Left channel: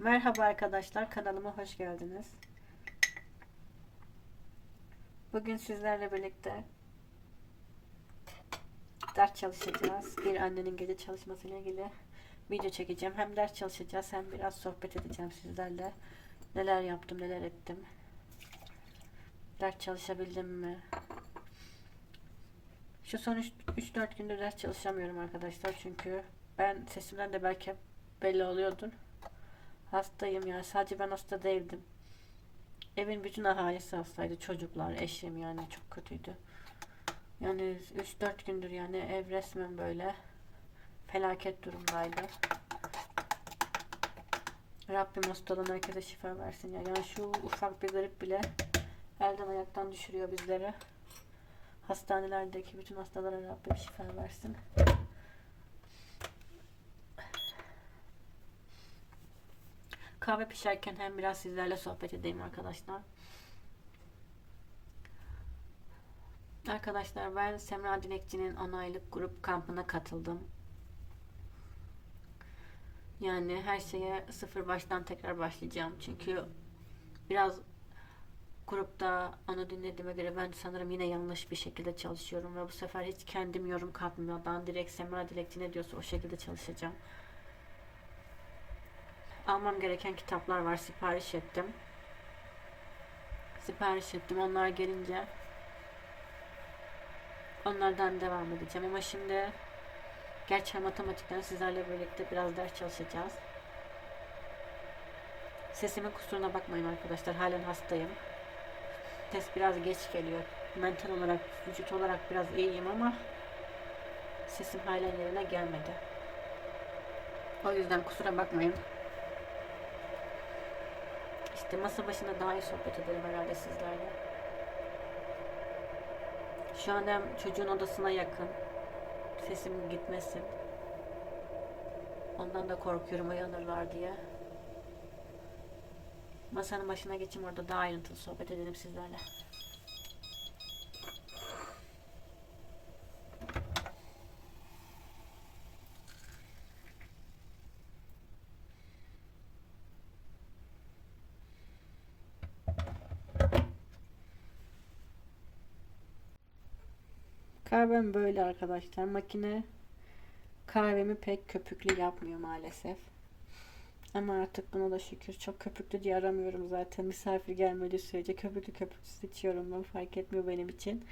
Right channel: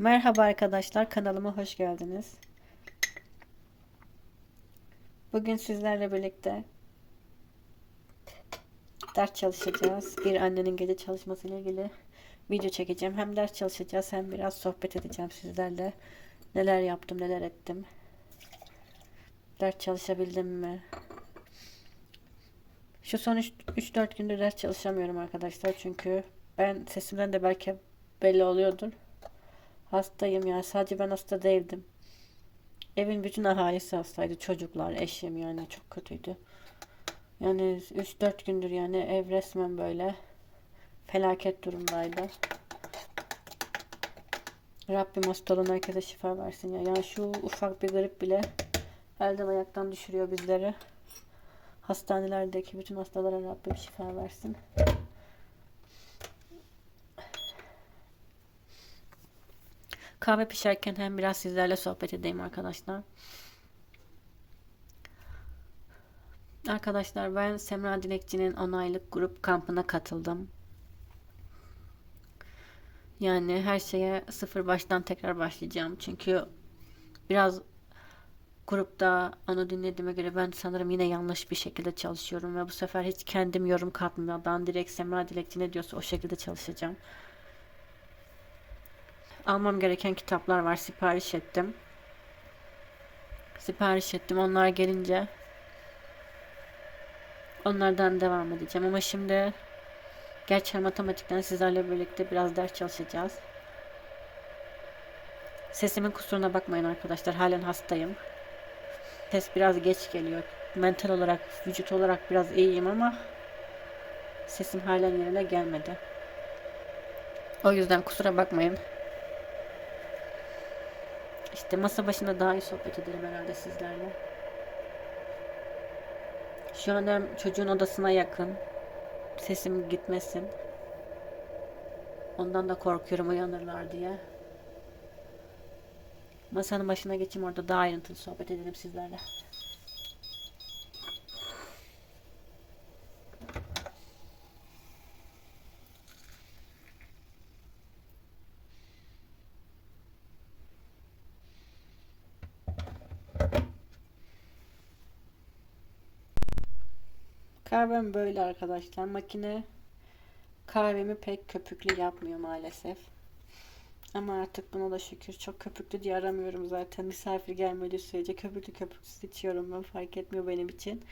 Merhaba arkadaşlar kanalıma hoş geldiniz. Bugün sizlerle birlikte ders çalışacağız. Bir annenin gece çalışması ile ilgili video çekeceğim. Hem ders çalışacağız hem biraz sohbet edeceğim sizlerle. Neler yaptım, neler ettim. Ders çalışabildim mi? Şu son 3-4 gündür ders çalışamıyorum arkadaşlar. Çünkü ben sesimden de belki belli oluyordur. Hastayım yani sadece ben hasta değildim. Evin bütün ahalisi hastaydı. Çocuklar, eşim yani çok kötüydü. Yani 3-4 gündür yani ev resmen böyle felaket durumdaydı. Rabbim hastalığına herkese şifa versin ya. Yani şu ufak bir grip bile elden ayaktan düşürüyor bizleri. Hastanelerdeki bütün hastalara Rabbim şifa versin. Kahve pişerken hem biraz sizlerle sohbet edeyim arkadaşlar. Arkadaşlar ben Semra Dilekçi'nin 10 aylık grup kampına katıldım. Yani her şeye sıfır baştan tekrar başlayacağım. Çünkü biraz grupta onu dinlediğime göre ben sanırım yine yanlış bir şekilde çalışıyorum ve bu sefer hiç kendim yorum katmadan direkt Semra Dilekçi ne diyorsa o şekilde çalışacağım. Almam gereken kitaplar var. Sipariş ettim. Sipariş ettim. Onlar gelince onlardan devam edeceğim. Ama şimdi gerçi matematikten sizlerle birlikte biraz ders çalışacağız. Sesimin kusuruna bakmayın arkadaşlar. Halen hastayım. Ses biraz geç geliyor. Mental olarak, vücut olarak biraz iyiyim ama sesim halen yerine gelmedi. O yüzden kusura bakmayın. İşte masa başında daha iyi sohbet edelim herhalde sizlerle. Şu an hem çocuğun odasına yakın. Sesim gitmesin. Ondan da korkuyorum uyanırlar diye. Masanın başına geçeyim orada daha ayrıntılı sohbet edelim sizlerle. Kahvem böyle arkadaşlar. Makine kahvemi pek köpüklü yapmıyor maalesef. Ama artık buna da şükür. Çok köpüklü diye aramıyorum zaten. Misafir gelmediği sürece köpüklü köpüksüz içiyorum ben. Fark etmiyor benim için.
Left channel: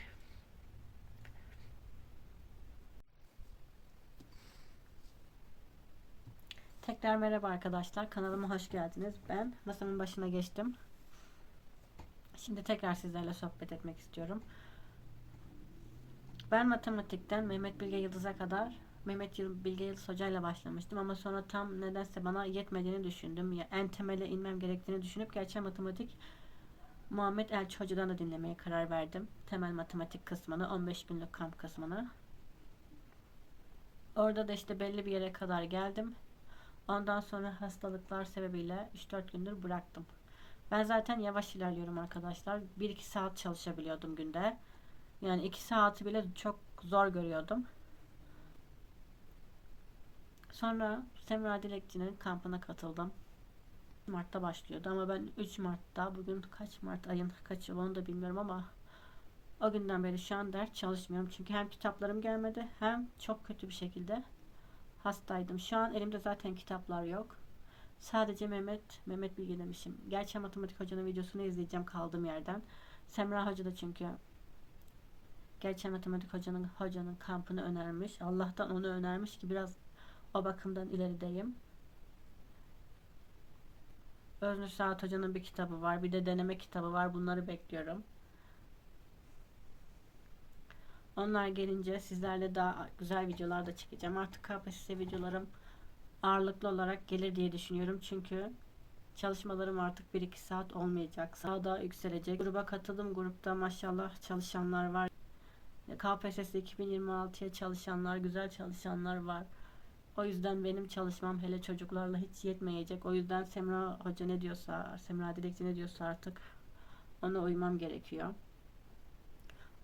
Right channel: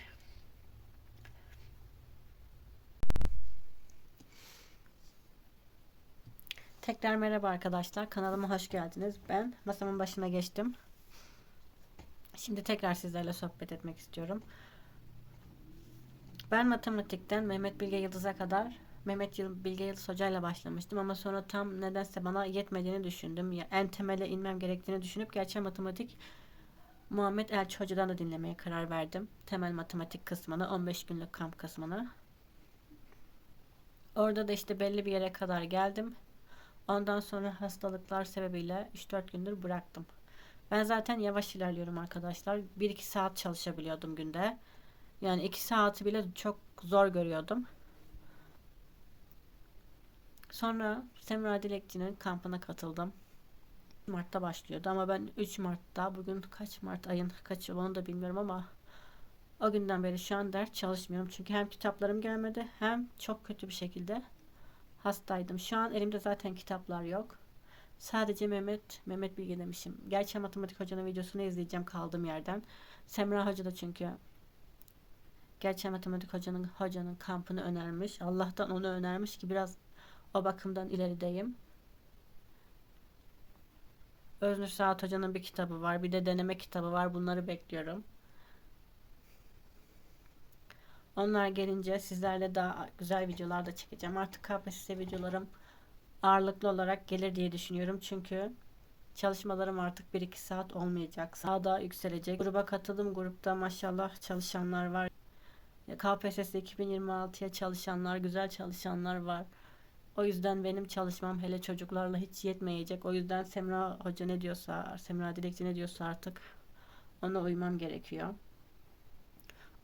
Tekrar merhaba arkadaşlar. Kanalıma hoş geldiniz. Ben masamın başına geçtim. Şimdi tekrar sizlerle sohbet etmek istiyorum. Ben matematikten Mehmet Bilge Yıldız'a kadar Mehmet Bilge Yıldız Hoca ile başlamıştım ama sonra tam nedense bana yetmediğini düşündüm. Ya, en temele inmem gerektiğini düşünüp gerçek matematik Muhammed Elçi Hoca'dan da dinlemeye karar verdim. Temel matematik kısmını, 15 günlük kamp kısmını. Orada da işte belli bir yere kadar geldim. Ondan sonra hastalıklar sebebiyle 3-4 gündür bıraktım. Ben zaten yavaş ilerliyorum arkadaşlar. 1-2 saat çalışabiliyordum günde. Yani 2 saati bile çok zor görüyordum. Sonra Semra Dilekçi'nin kampına katıldım. Mart'ta başlıyordu ama ben 3 Mart'ta bugün kaç Mart ayın kaçı onu da bilmiyorum ama o günden beri şu an ders çalışmıyorum. Çünkü hem kitaplarım gelmedi hem çok kötü bir şekilde hastaydım. Şu an elimde zaten kitaplar yok. Sadece Mehmet, Mehmet Bilge demişim. Gerçi matematik hocanın videosunu izleyeceğim kaldığım yerden. Semra Hoca da çünkü Gerçi matematik hocanın hocanın kampını önermiş. Allah'tan onu önermiş ki biraz o bakımdan ilerideyim. Öznur Saat Hoca'nın bir kitabı var. Bir de deneme kitabı var. Bunları bekliyorum. Onlar gelince sizlerle daha güzel videolar da çekeceğim. Artık KPSS videolarım ağırlıklı olarak gelir diye düşünüyorum. Çünkü çalışmalarım artık 1-2 saat olmayacak. Sağda yükselecek. Gruba katıldım. Grupta maşallah çalışanlar var. KPSS 2026'ya çalışanlar, güzel çalışanlar var. O yüzden benim çalışmam hele çocuklarla hiç yetmeyecek. O yüzden Semra Hoca ne diyorsa, Semra Dilekçi ne diyorsa artık ona uymam gerekiyor.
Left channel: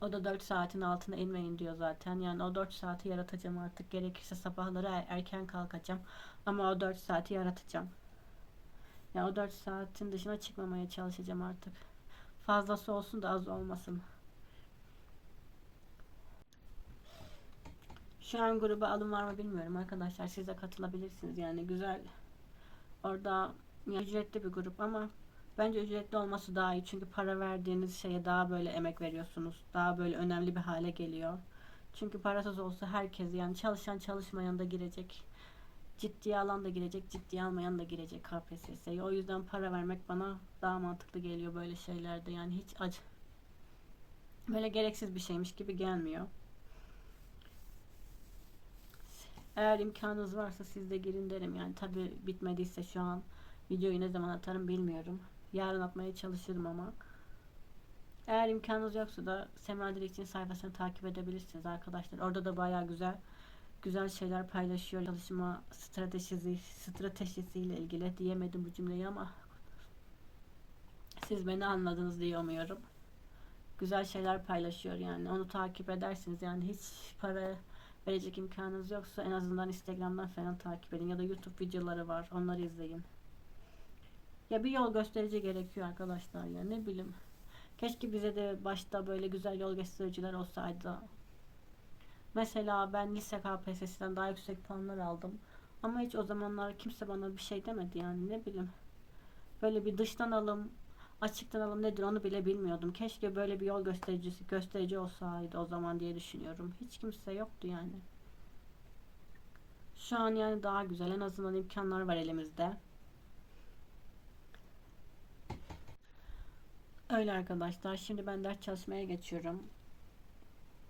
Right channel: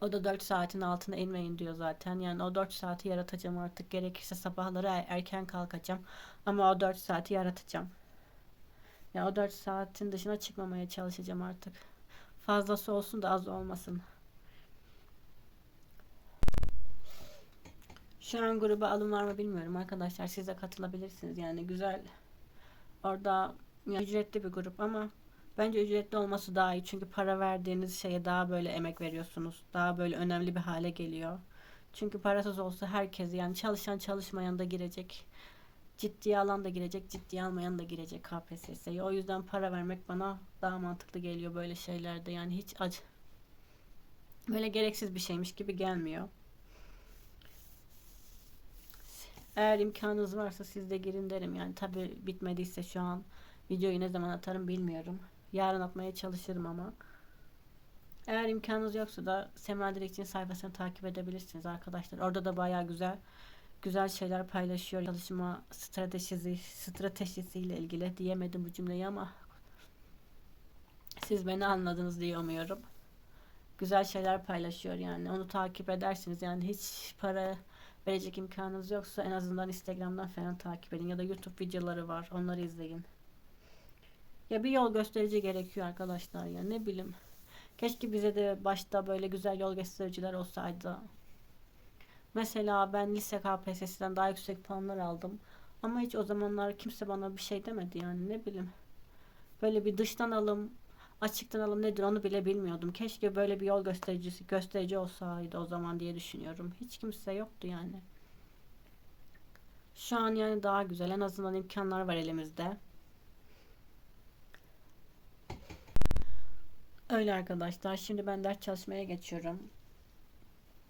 O da 4 saatin altına inmeyin diyor zaten. Yani o 4 saati yaratacağım artık. Gerekirse sabahları er- erken kalkacağım. Ama o 4 saati yaratacağım. Ya o 4 saatin dışına çıkmamaya çalışacağım artık. Fazlası olsun da az olmasın. Şu an gruba alım var mı bilmiyorum arkadaşlar. Siz de katılabilirsiniz. Yani güzel. Orada ya ücretli bir grup ama bence ücretli olması daha iyi. Çünkü para verdiğiniz şeye daha böyle emek veriyorsunuz. Daha böyle önemli bir hale geliyor. Çünkü parasız olsa herkes yani çalışan çalışmayan da girecek. Ciddiye alan da girecek, ciddiye almayan da girecek KPSS'ye. O yüzden para vermek bana daha mantıklı geliyor böyle şeylerde. Yani hiç acı böyle gereksiz bir şeymiş gibi gelmiyor. Eğer imkanınız varsa siz de girin derim. Yani tabi bitmediyse şu an videoyu ne zaman atarım bilmiyorum. Yarın atmaya çalışırım ama. Eğer imkanınız yoksa da Sema Dilekçi'nin sayfasını takip edebilirsiniz arkadaşlar. Orada da baya güzel güzel şeyler paylaşıyor. Çalışma stratejisi stratejisiyle ilgili diyemedim bu cümleyi ama siz beni anladınız diye umuyorum. Güzel şeyler paylaşıyor yani. Onu takip edersiniz. Yani hiç para verecek imkanınız yoksa en azından Instagram'dan falan takip edin ya da YouTube videoları var. Onları izleyin. Ya bir yol gösterici gerekiyor arkadaşlar ya ne bileyim. Keşke bize de başta böyle güzel yol göstericiler olsaydı. Mesela ben lise KPSS'den daha yüksek puanlar aldım. Ama hiç o zamanlar kimse bana bir şey demedi yani ne bileyim. Böyle bir dıştan alım, açıktan alım nedir onu bile bilmiyordum. Keşke böyle bir yol göstericisi gösterici olsaydı o zaman diye düşünüyorum. Hiç kimse yoktu yani. Şu an yani daha güzel. En azından imkanlar var elimizde. Öyle arkadaşlar. Şimdi ben ders çalışmaya geçiyorum.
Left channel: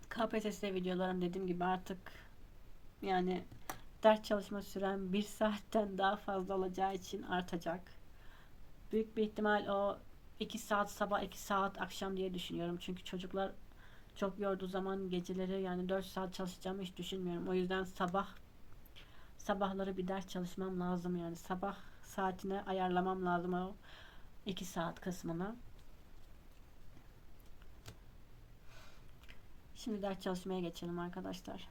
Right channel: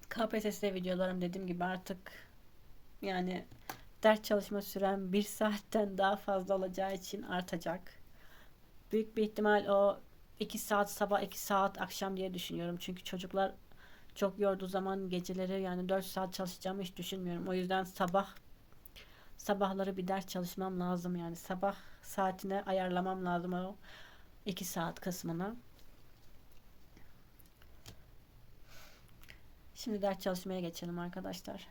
KPSS videolarım dediğim gibi artık yani ders çalışma sürem bir saatten daha fazla olacağı için artacak. Büyük bir ihtimal o 2 saat sabah 2 saat akşam diye düşünüyorum. Çünkü çocuklar çok yorduğu zaman geceleri yani 4 saat çalışacağımı hiç düşünmüyorum. O yüzden sabah sabahları bir ders çalışmam lazım yani sabah saatine ayarlamam lazım o 2 saat kısmını. Şimdi ders çalışmaya geçelim arkadaşlar.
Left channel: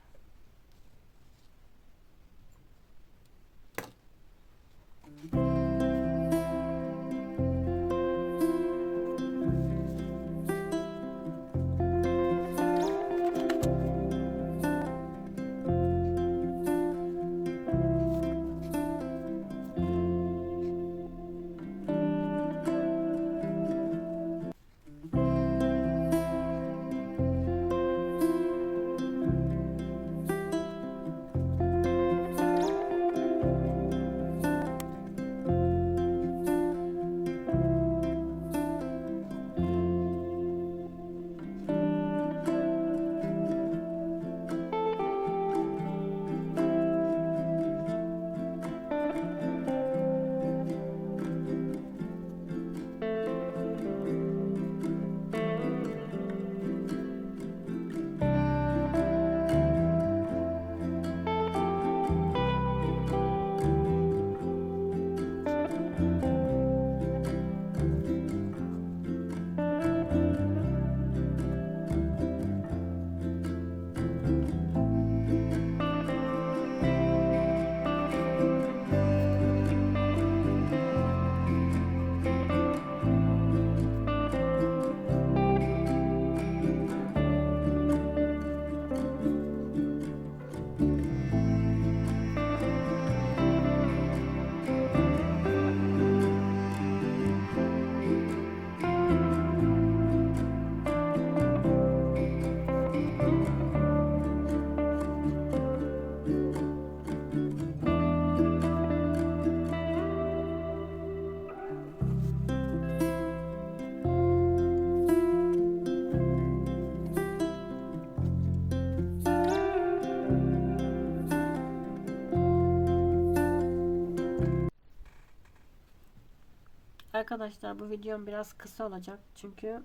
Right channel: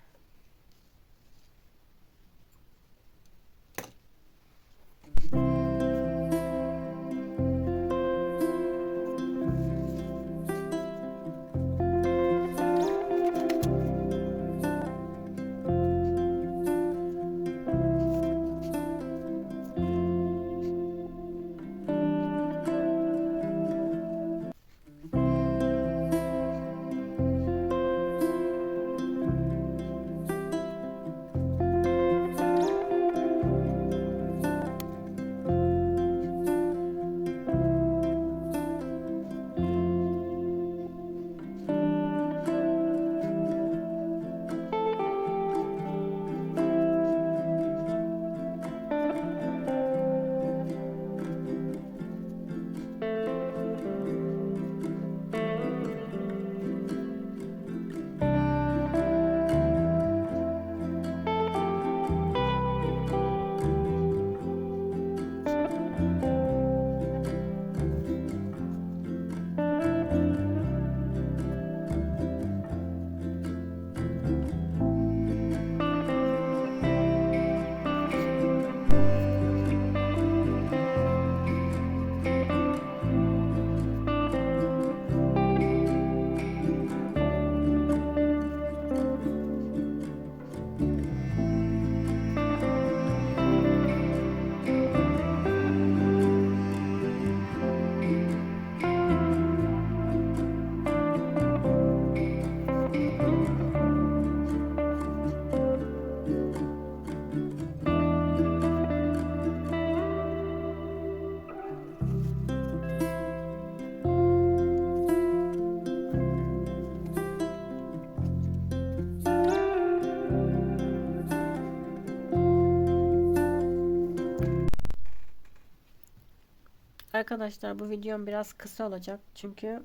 Arkadaşlar bu videom biraz kısa olacak. Çünkü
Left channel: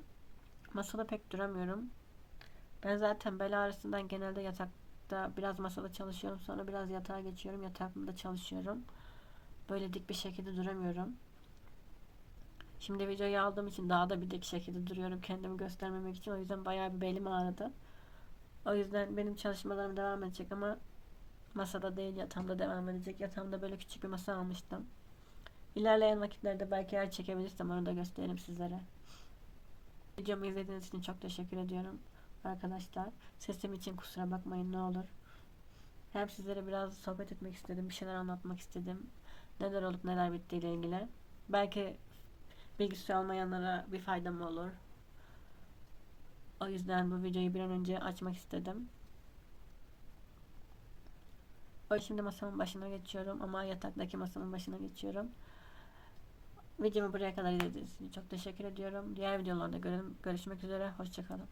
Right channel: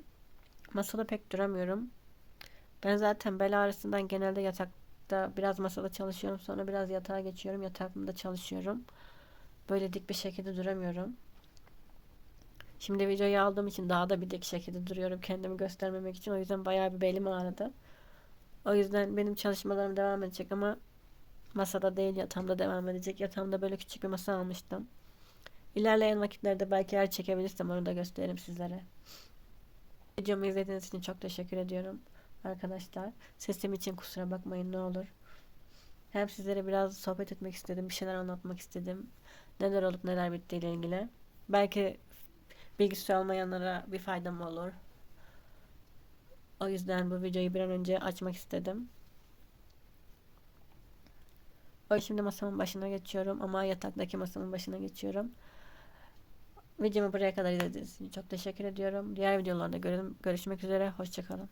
masada pek duramıyorum. Ben zaten bel ağrısından genelde yatakta biraz masada çalışıyorum. Sonra biraz yatağa geçiyorum. Yatağımda çalışıyorum. Böyle dik bir şekilde duramıyorum. Şimdi videoyu aldığım için daha da bir dik şekilde duruyorum. Kendimi göstermemek için. O yüzden bayağı bir belim ağrıdı. O yüzden benim çalışmalarım devam edecek ama masada değil yatağımda devam edecek. Yatağımda böyle küçük bir masa almıştım. İlerleyen vakitlerde belki eğer çekebilirsem onu da gösteririm sizlere. Videomu izlediğiniz için çok teşekkür ediyorum arkadaşlar. Sesim için kusura bakmayın ne olur. Hem sizlere biraz sohbet etmek istedim, bir şeyler anlatmak istedim. Neler olup neler bittiğiyle ilgili. Belki bilgisi olmayanlara bir faydam olur. O yüzden bu videoyu bir an önce açmak istedim. O şimdi masamın başına geçiyorum ama yataktaki masamın başına geçiyorum. Videomu buraya kadar izlediğiniz için çok teşekkür ediyorum. Diğer videolarda görüşmek üzere. Hoşçakalın.